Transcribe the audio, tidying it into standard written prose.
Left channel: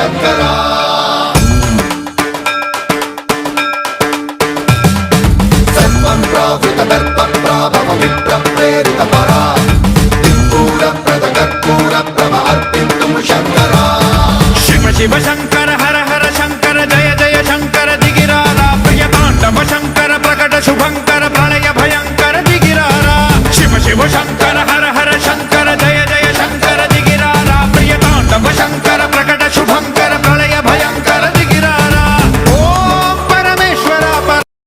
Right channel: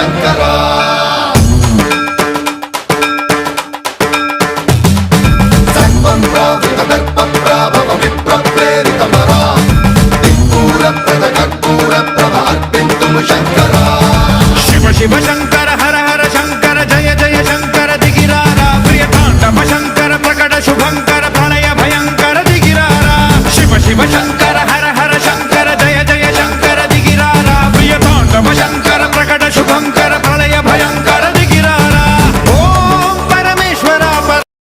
శంకర సన్మన్రావృత దర్ప ప్రాభవ విప్ర ప్రేరిత పరా దిక్పూర ప్రద కర్పూర ప్రభ అర్పింతుం శంకర శివ శివ శంకర హర హర శంకర జయ జయ శంకర దిగిరారా ప్రియ తాండవ శంకర ప్రకట శుభంకర ప్రణయ భయంకర దిగిరారా శివ శివ శంకర